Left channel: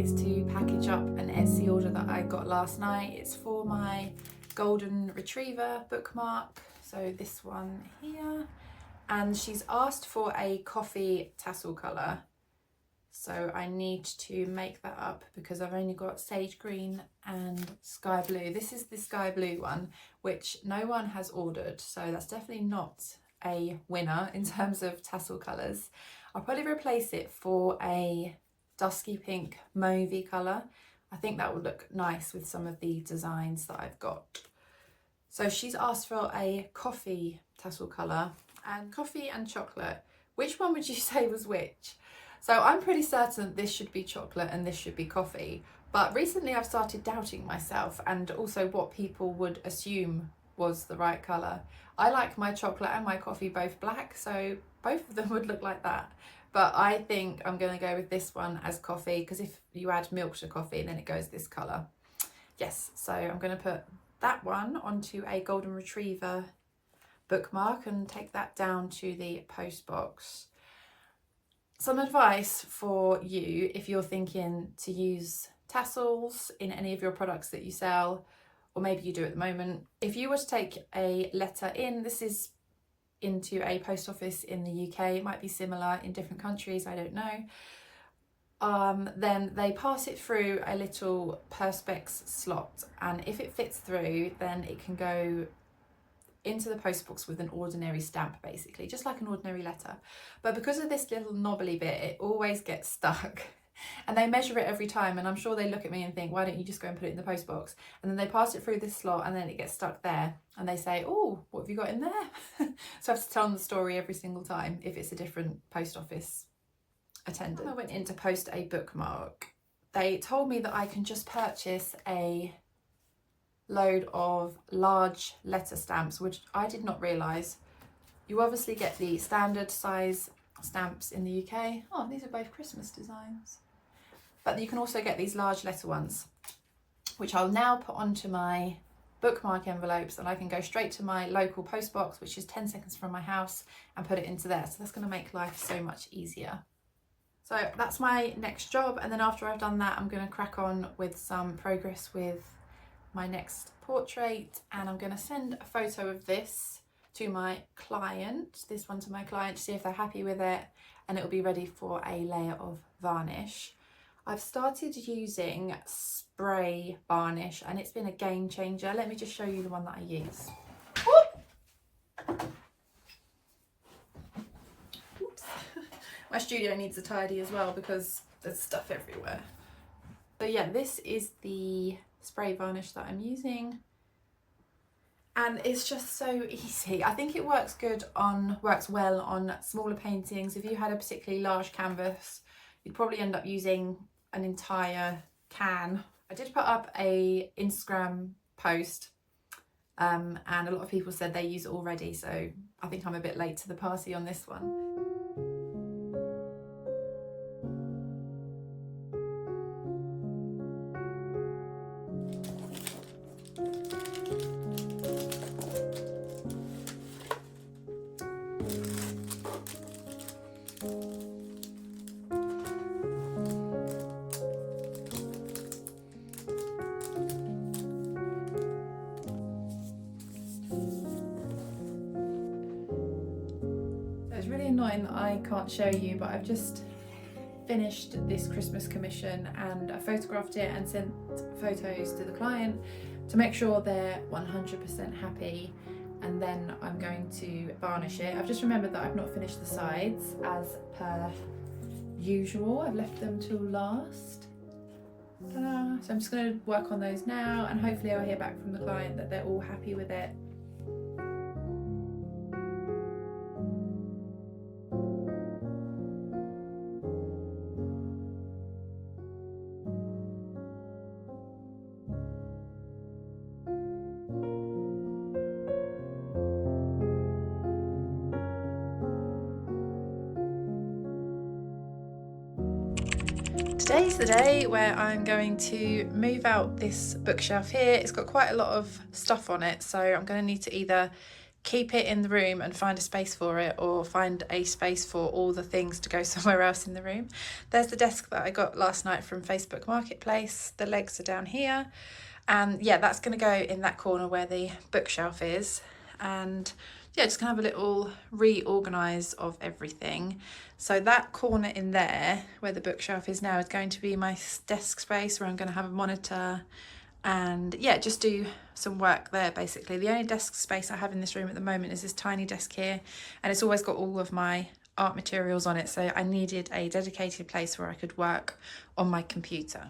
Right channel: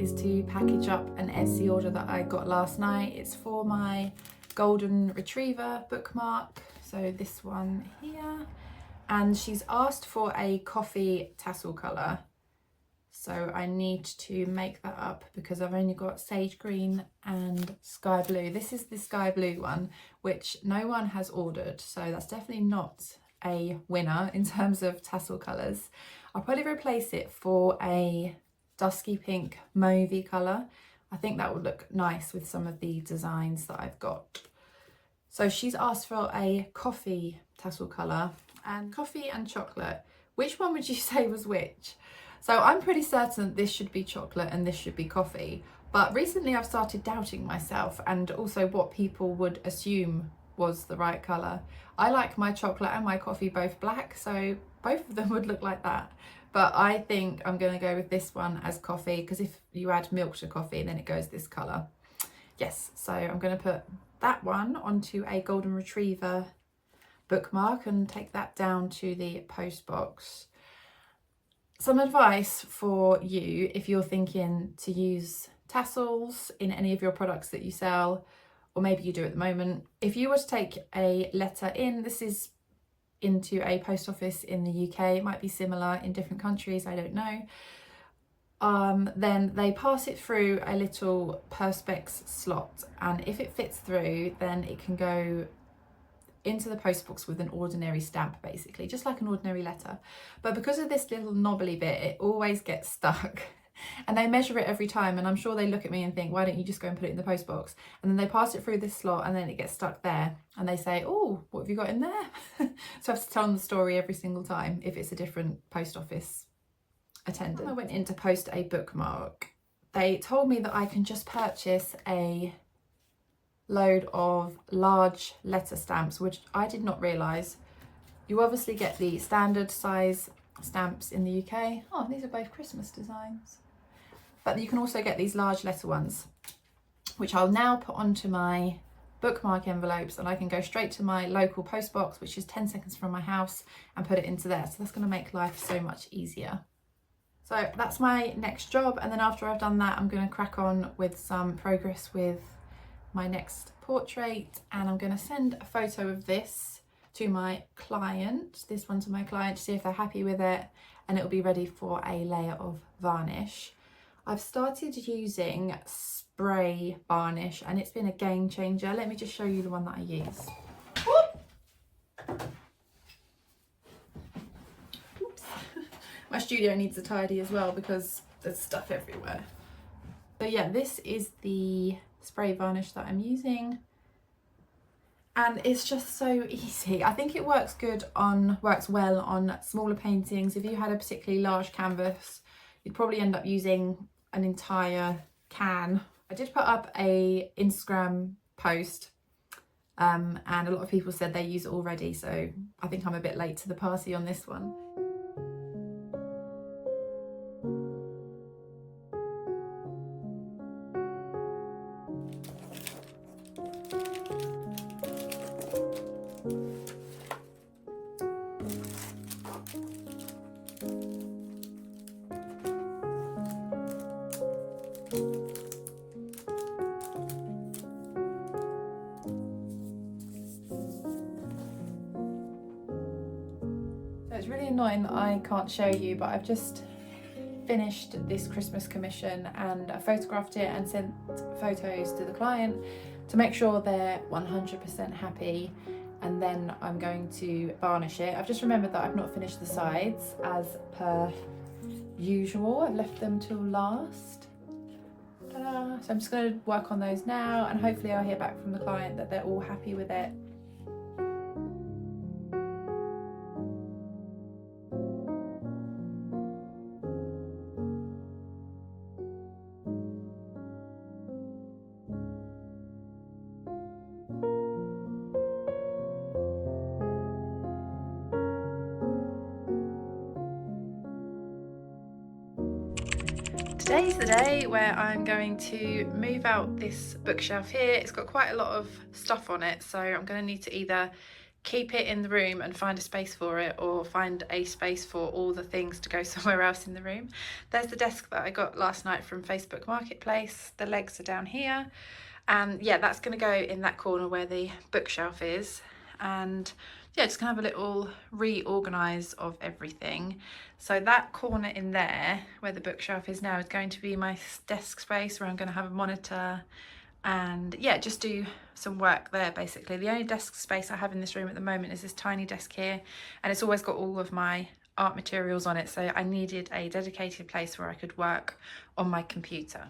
is to package up an Etsy order that I got last night. It's for my golden retriever bookmark, so this one here, and she's asked for a coffee tassel colour, so I need to make that up because I've only got sage green and sky blue. This is the sky blue one, which no one has ordered, so that's definitely not a winner in terms of tassel colours. I'll probably replace it for a dusky pink mauvey colour. I think that would look nice with some of the designs that I've got. So she's asked for a coffee tassel colour, and coffee and chocolate. Which one would you say was which? So I'm pretty certain this should be chocolate and this should be coffee, but recently I've started doubting myself and also what people would assume was the right colour. I like my chocolate and my coffee both black, so both of them would look like that. But I think I'm going to go with this one as coffee, because if you add milk to coffee then it goes this colour. Yes, so I'm going to put that one onto a golden retriever bookmark and take that down to the post box. Some advice for you if you're thinking to use tassels in any of your products that you sell, or maybe you do at the moment. If you were to take a letter in, this is into a post office in the UK, it might be similar in different countries, I don't know. Then they pass it through a little perspex slot, and if it fits through then it can go into the post box with an ordinary stamp, basically just like an ordinary letter. But because of this little knobbly bit, it always gets stuck. And they measure it every time, and I'm sure they look at me and think, why don't you just go and put it in the post box? And then they pass it through this slot and then it gets stuck there, and they say, oh, what have you got in there? So I have to tell them the story every single time if it's a different post office attendant. When I went in to post a bookmark, they told me that I can just purchase a load of large letter stamps, which I did not realise. You obviously get the standard size stamps in the UK. Oh, these are both Christmas designs. But you can also get these large letter ones, which I'll now put onto my bookmark envelopes, and I can go straight to my local post box, which is 10 seconds from my house, and put it into there. So that's going to make life so much easier. So that's my next job, and then after I've done that, I'm going to crack on with some progress with my next portrait, and I'm going to send a photo of this to my client, this one to my client, to see if they're happy with it, and it'll be ready for a layer of varnish. I've started using spray varnish and it's been a game changer. Let me just show you the one that I use. Oops. My studio needs a tidy as well because there's stuff everywhere. So yeah, this is the spray varnish that I'm using, and it's just so easy. I think it works well on smaller paintings. If you had a particularly large canvas, you'd probably end up using an entire can. I did put up a Instagram post and a lot of people said they use it already, so I think I'm a bit late to the party on this one. It's really annoying that I can't show you, but I've just finished this Christmas commission and I photographed it and sent photos to the client to make sure they're 100% happy, and then I'm going to varnish it. I've just remembered that I've not finished the sides as per usual. I've left them till last. So I'm just going to work on those now, and hopefully I'll hear back from the client that they're all happy with it. Today's the day where I'm going to move out this bookshelf here. It's got quite a lot of stuff on it, so I'm going to need to either keep it in the room and find a space for it, or find a space for all the things to go somewhere else in the room. There's the desk that I got last night from Facebook Marketplace. The legs are down here, and yeah, that's going to go in that corner where the bookshelf is. And yeah, just gonna have a little reorganize of everything. So that corner in there where the bookshelf is now is going to be my desk space, where I'm going to have a monitor and yeah, just do some work there. Basically the only desk space I have in this room at the moment is this tiny desk here, and it's always got all of my art materials on it, so I needed a dedicated place where I could work on my computer.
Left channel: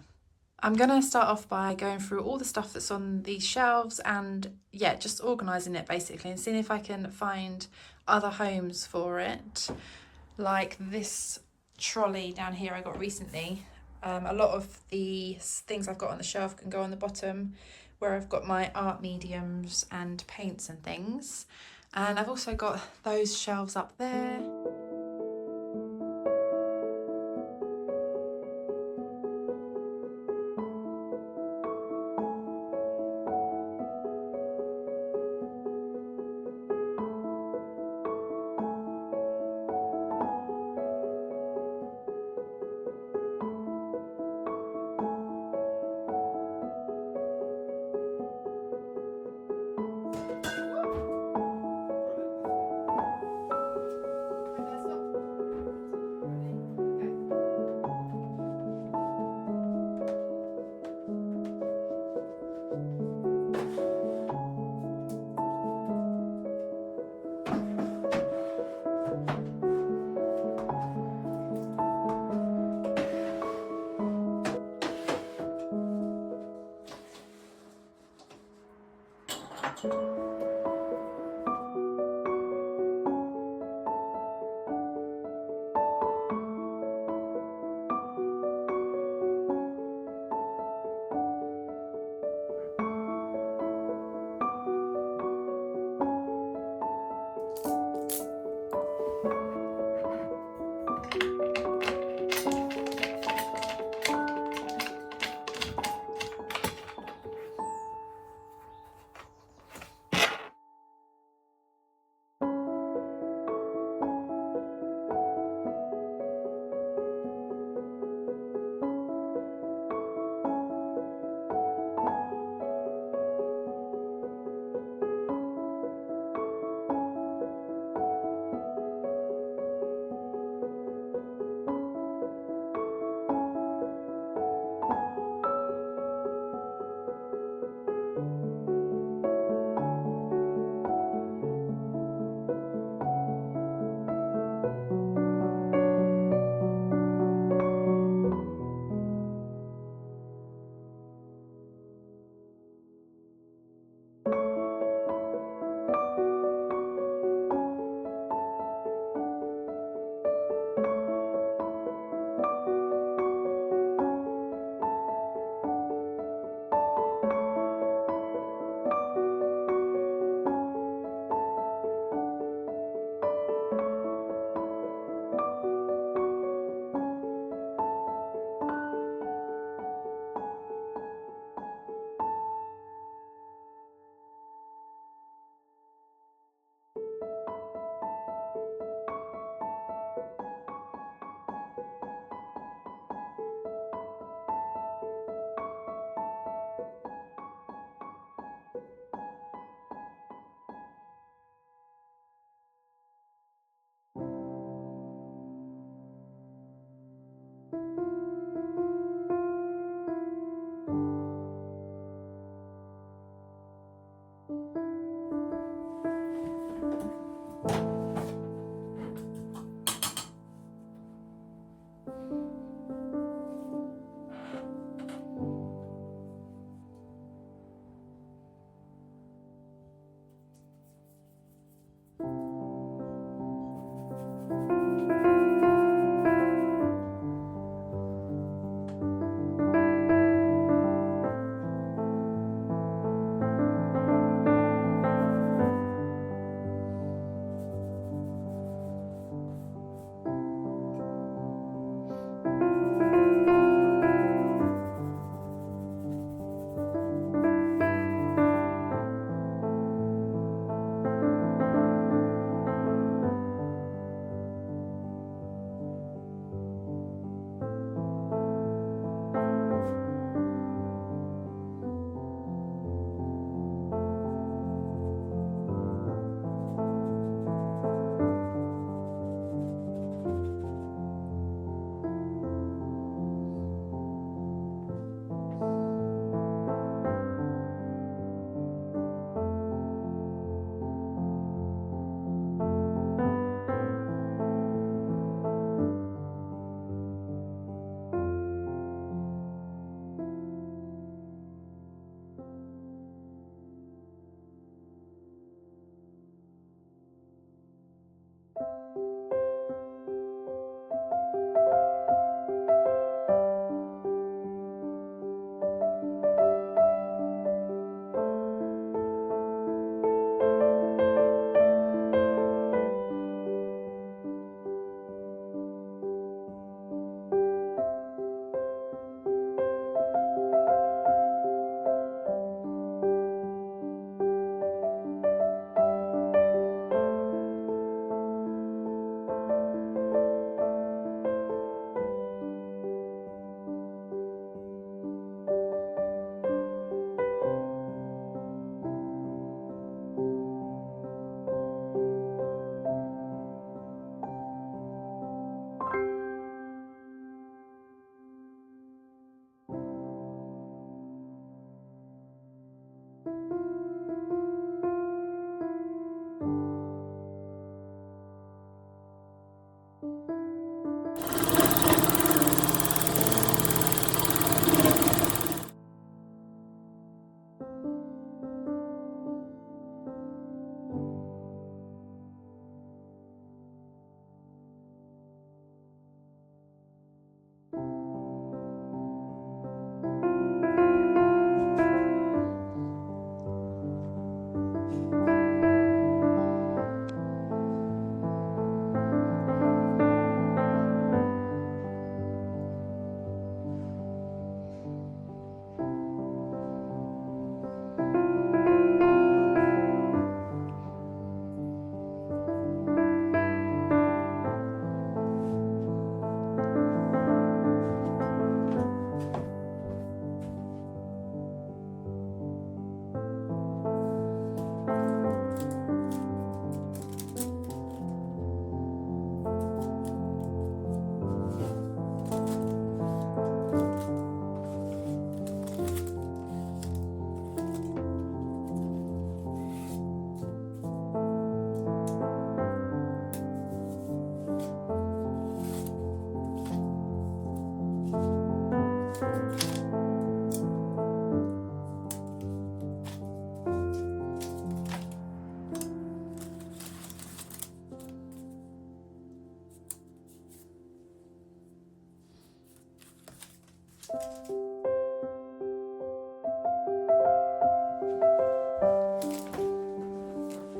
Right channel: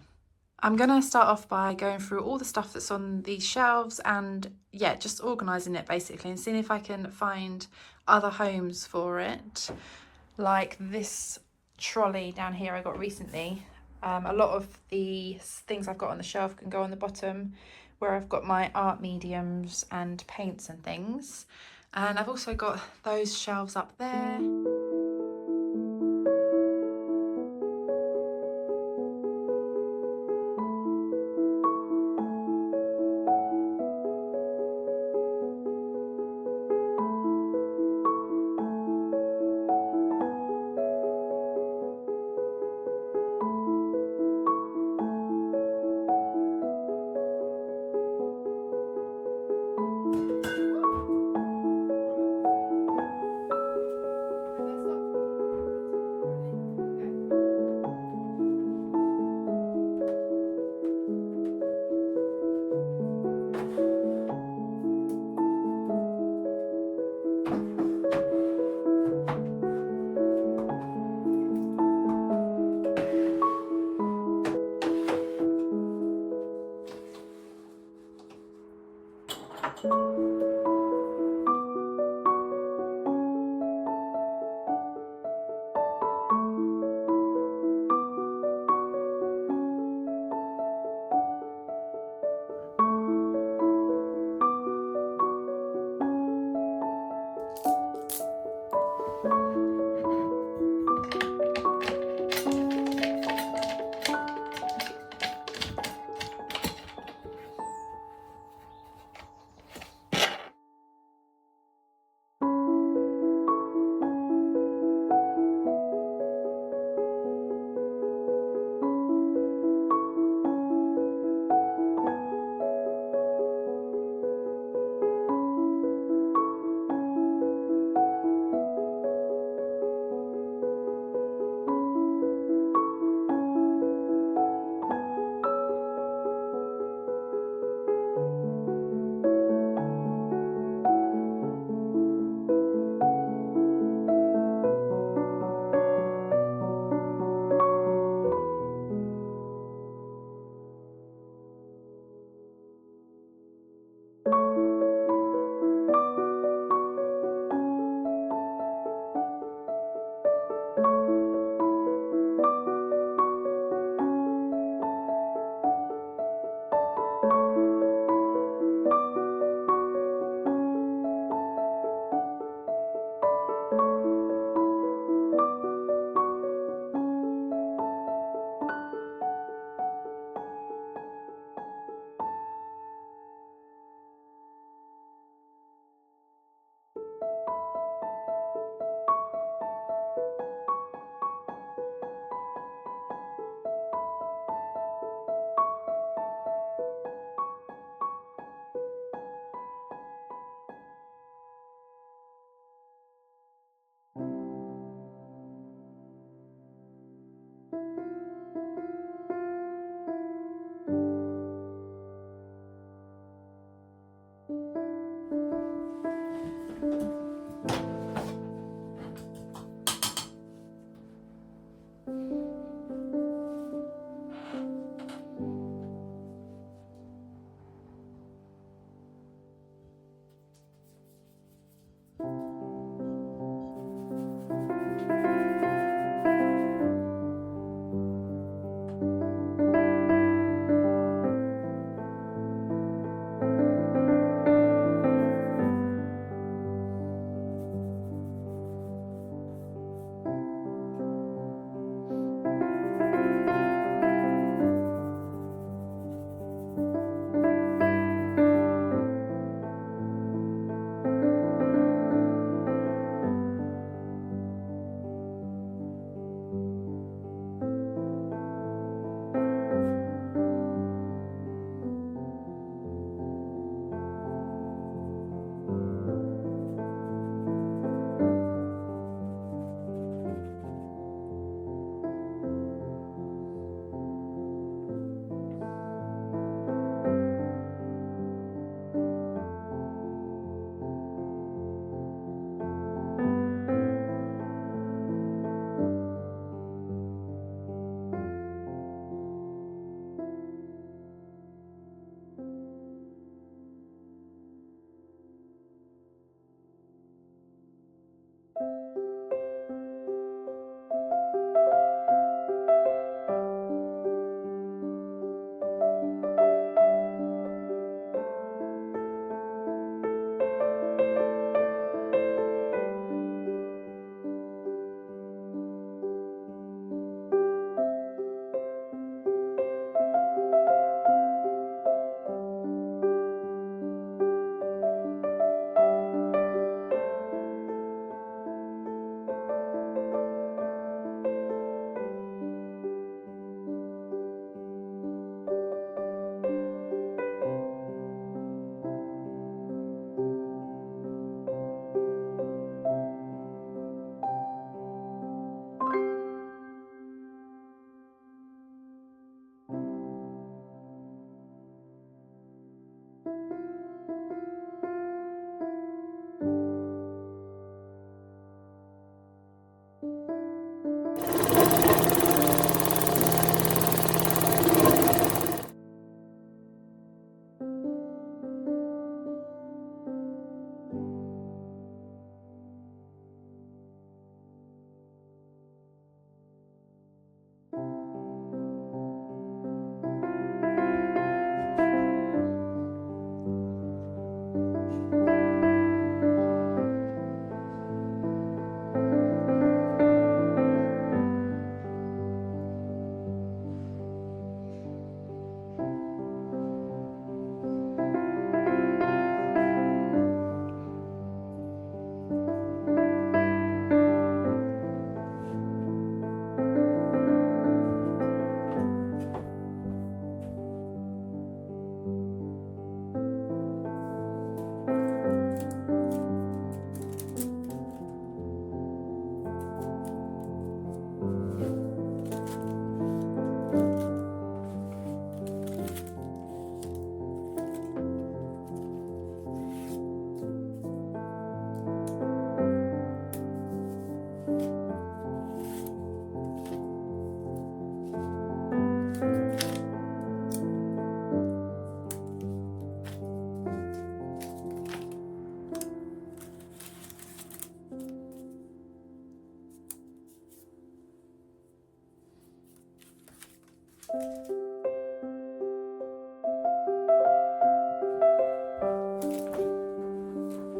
I'm gonna start off by going through all the stuff that's on these shelves and yeah, just organising it basically, and seeing if I can find other homes for it. Like this trolley down here I got recently. A lot of the things I've got on the shelf can go on the bottom where I've got my art mediums and paints and things. And I've also got those shelves up there.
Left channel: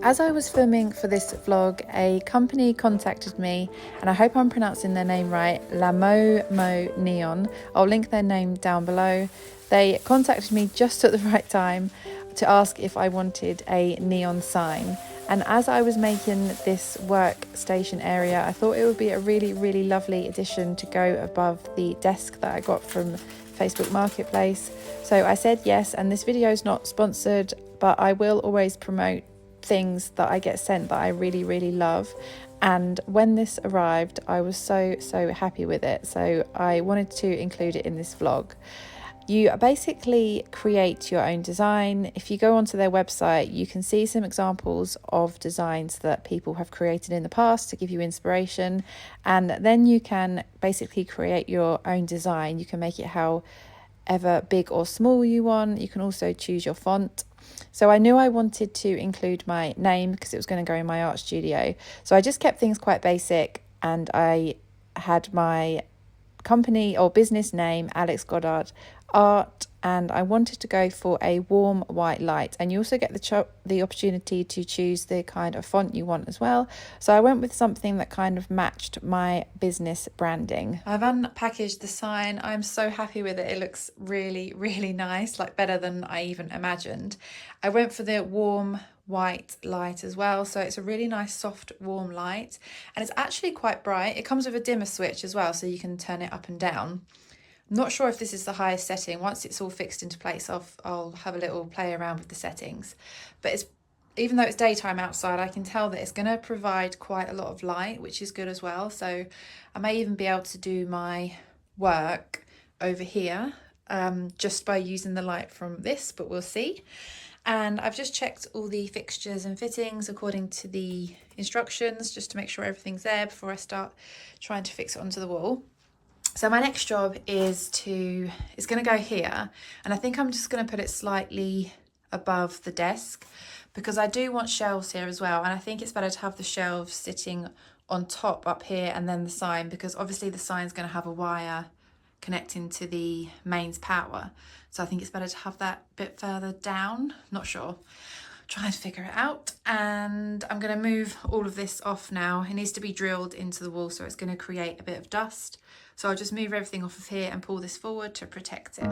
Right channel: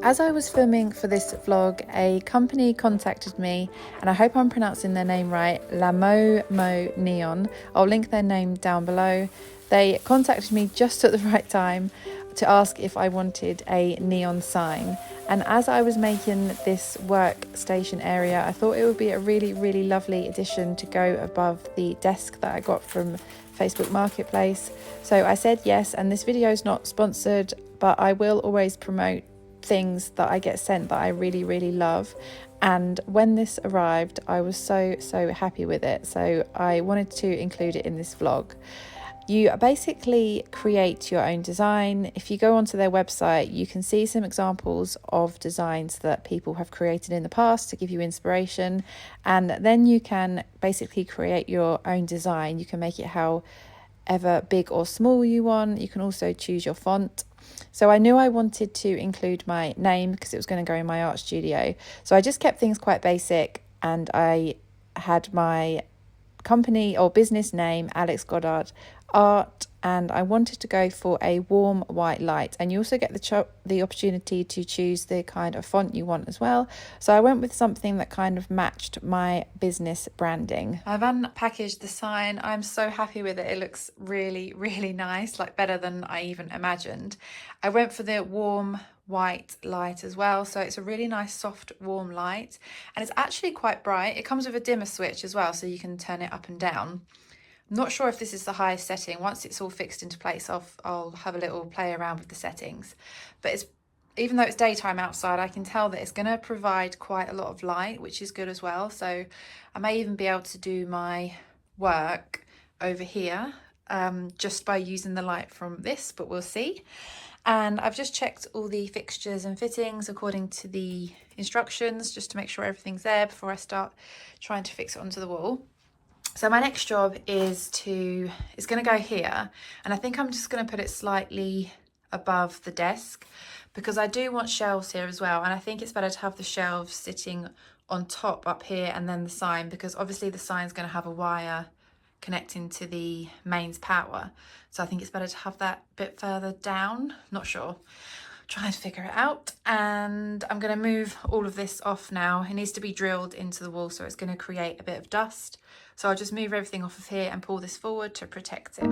As I was filming for this vlog, a company contacted me, and I hope I'm pronouncing their name right, La Mo Neon. I'll link their name down below. They contacted me just at the right time to ask if I wanted a neon sign. And as I was making this workstation area, I thought it would be a really, really lovely addition to go above the desk that I got from Facebook Marketplace. So I said yes, and this video is not sponsored, but I will always promote things that I get sent that I really, really love. And when this arrived, I was so happy with it. So I wanted to include it in this vlog. You basically create your own design. If you go onto their website, you can see some examples of designs that people have created in the past to give you inspiration. And then you can basically create your own design. You can make it however big or small you want. You can also choose your font. So I knew I wanted to include my name because it was going to go in my art studio. So I just kept things quite basic, and I had my company or business name, Alex Goddard Art, and I wanted to go for a warm white light. And you also get the opportunity to choose the kind of font you want as well. So I went with something that kind of matched my business branding. I've unpackaged the sign. I'm so happy with it. It looks really, really nice, like better than I even imagined. I went for the warm white light as well, so it's a really nice soft warm light, and it's actually quite bright. It comes with a dimmer switch as well, so you can turn it up and down. I'm not sure if this is the highest setting. Once it's all fixed into place, I'll have a little play around with the settings. But even though it's daytime outside, I can tell that it's going to provide quite a lot of light, which is good as well. So I may even be able to do my work over here just by using the light from this, but we'll see. And I've just checked all the fixtures and fittings according to the instructions, just to make sure everything's there before I start trying to fix it onto the wall. So my next job is going to go here, and I think I'm just going to put it slightly above the desk because I do want shelves here as well, and I think it's better to have the shelves sitting on top up here and then the sign, because obviously the sign's going to have a wire connecting to the mains power. So I think it's better to have that a bit further down. Not sure. Trying to figure it out. And I'm going to move all of this off now. It needs to be drilled into the wall, so it's going to create a bit of dust. So I'll just move everything off of here and pull this forward to protect it.